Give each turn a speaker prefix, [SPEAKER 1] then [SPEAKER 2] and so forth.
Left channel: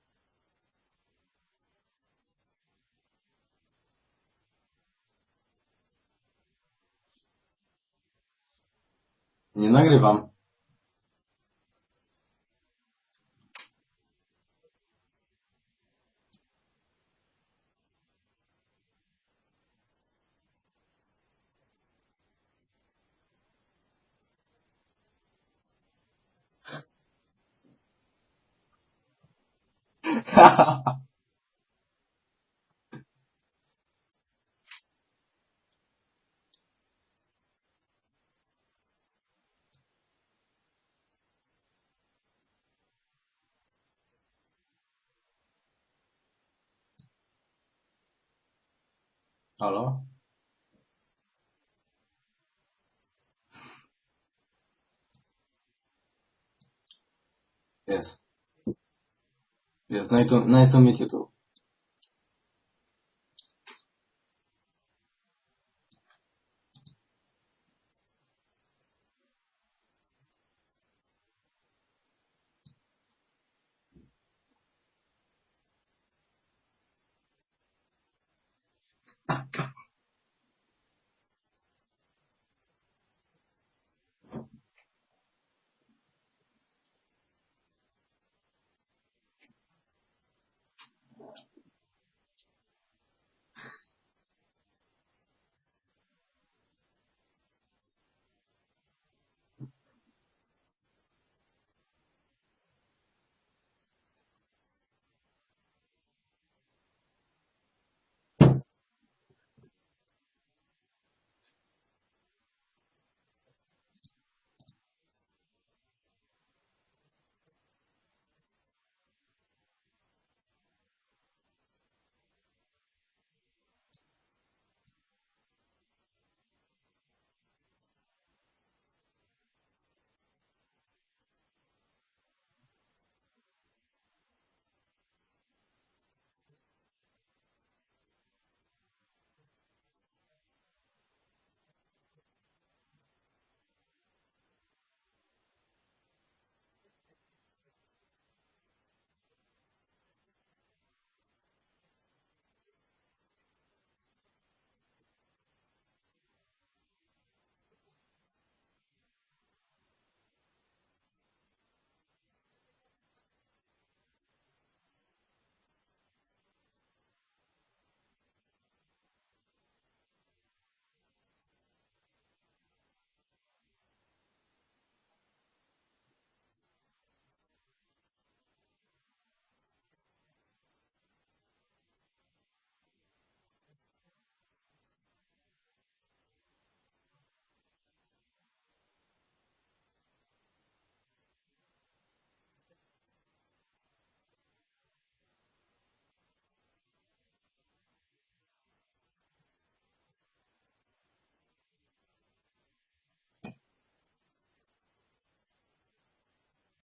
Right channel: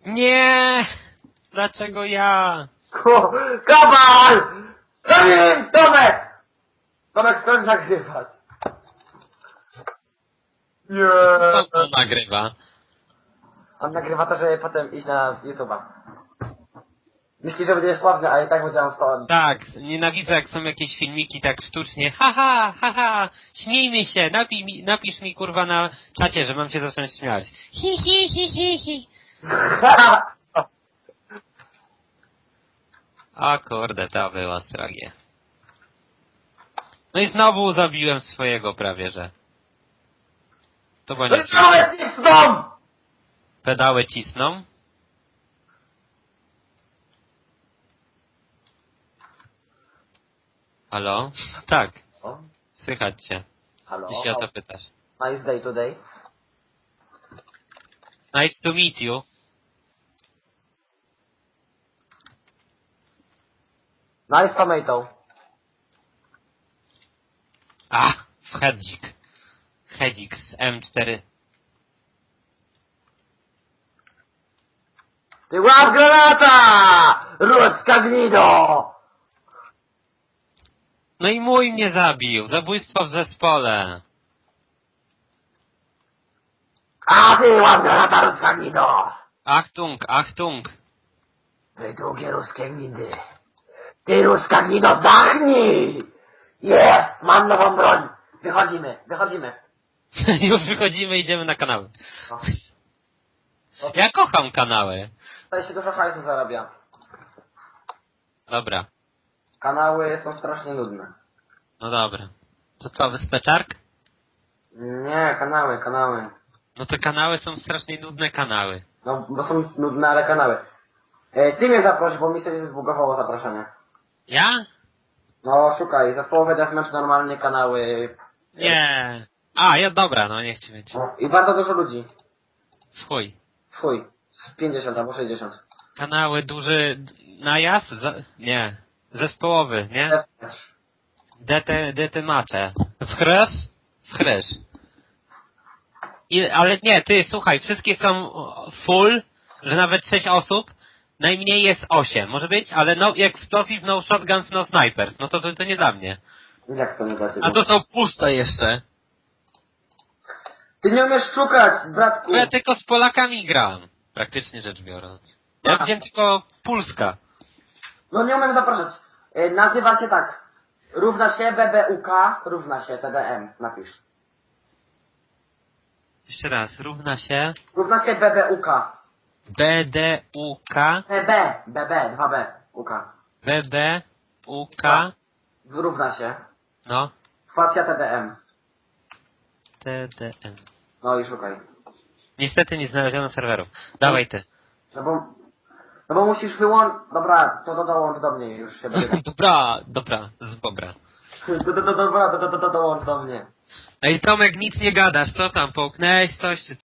[SPEAKER 1] Nie! Dlaczego ja?
[SPEAKER 2] Kabal! Tomek! Tomek, skończ nagrywać.
[SPEAKER 3] Nie nagrywam.
[SPEAKER 2] Nie.
[SPEAKER 1] Co to nagrywa?
[SPEAKER 2] On nagrywa to, żeby potem iść na YouTube'a. Myśli, że będzie sławny, ale i tak będzie on stąd.
[SPEAKER 1] Tak, nienawidzę jak są jakieś filmiki tak sztucznie. Haha, haha, śmiejmy się, napisz mi kurwa na czacie, że mam się zacząć śmiać. Hi, hi, hi, hi, hi. O kurde, to była stragia. No i znowu zabiłem swojego prawie, że. To było nie.
[SPEAKER 2] Wytrzymaj cisną!
[SPEAKER 1] Pedały cisną.
[SPEAKER 3] Halo?
[SPEAKER 1] Halo? Tak,
[SPEAKER 2] O,
[SPEAKER 1] słychać cię,
[SPEAKER 2] halo.
[SPEAKER 1] jeśli o to pytasz.
[SPEAKER 2] Nice day today.
[SPEAKER 3] Jest.
[SPEAKER 1] Nice to meet you.
[SPEAKER 3] Jest. Nice to meet you too.
[SPEAKER 2] Nice tomato.
[SPEAKER 1] A, w hedzik. Hedzik z M4.
[SPEAKER 2] Ty łap granata! Ruska gnido!
[SPEAKER 1] No i mój mnie zabił. Zabójstwo w zespole.
[SPEAKER 2] A ty łap granata, ruska gnido!
[SPEAKER 1] Achtung, Achtung.
[SPEAKER 2] Wy długie ruskie gnidy. Ty ruska gnido, zdachnij! Jest! Mam nową broń! Wychodzimy.
[SPEAKER 1] Już wychodzimy, idziemy na kanały.
[SPEAKER 2] O.
[SPEAKER 1] Ja kocham kanały.
[SPEAKER 2] Tutaj się dużo hajsu zarabia.
[SPEAKER 1] Dobra,
[SPEAKER 2] Kanały są strasznie nudne.
[SPEAKER 1] no dobra. To co, wyspeczark?
[SPEAKER 2] Nie, kanały.
[SPEAKER 1] No te kanały są strasznie nudne kanały.
[SPEAKER 2] No, bo są nudne, ale kanały. Ty mnie zaproś, bo mi się zbugowało zaproszenie.
[SPEAKER 1] Ja?
[SPEAKER 2] No, szukaj, zespołowe deathmatch, normalnie kanały.
[SPEAKER 1] Nie. A, ja dobra, no niech ci będzie.
[SPEAKER 2] No, i bardzo dużo ludzi.
[SPEAKER 1] W chuj.
[SPEAKER 2] Fuj, 50 albo 60.
[SPEAKER 1] Kanały duży najazd? Nie. Zespołowy, nie?
[SPEAKER 2] Deathmatch.
[SPEAKER 1] DT macze. W chrysz? W chrysz. Ale nie, ty, słuchaj, wszystkie są full, że nawet 6 osób, najmniej jest 8, może być? Ale no explosive, no shotguns, no snipers, no to nie dla mnie.
[SPEAKER 2] Jak to nie da się?
[SPEAKER 1] A to są puste jeszcze.
[SPEAKER 2] Ty nie umiesz szukać, bratku!
[SPEAKER 1] Bo ja tylko z Polakami gram, praktycznie rzecz biorąc. Ja widziałem tylko Pulska.
[SPEAKER 2] No nie umiem zapraszać. Nazywa się tak. Równa się BBUK, równa się TDM. Napisz.
[SPEAKER 1] Jeszcze raz, równa się
[SPEAKER 2] Równa się BBUK.
[SPEAKER 1] BDUK,
[SPEAKER 2] BB, 2B, UK.
[SPEAKER 1] BBUK,
[SPEAKER 2] Równa się.
[SPEAKER 1] no,
[SPEAKER 2] Spacja TDM.
[SPEAKER 1] TDM.
[SPEAKER 2] No i szukaj.
[SPEAKER 1] Niestety nie znaleziono serwerów. Dawaj ty.
[SPEAKER 2] No bo musisz wyłączyć... Dobra, to dołącz do mnie już się będzie.
[SPEAKER 1] Dobra, z bobra.
[SPEAKER 2] Dobra, dołącz do mnie.
[SPEAKER 1] Ej Tomek, nic nie gadasz, co tam, połknęłeś coś czy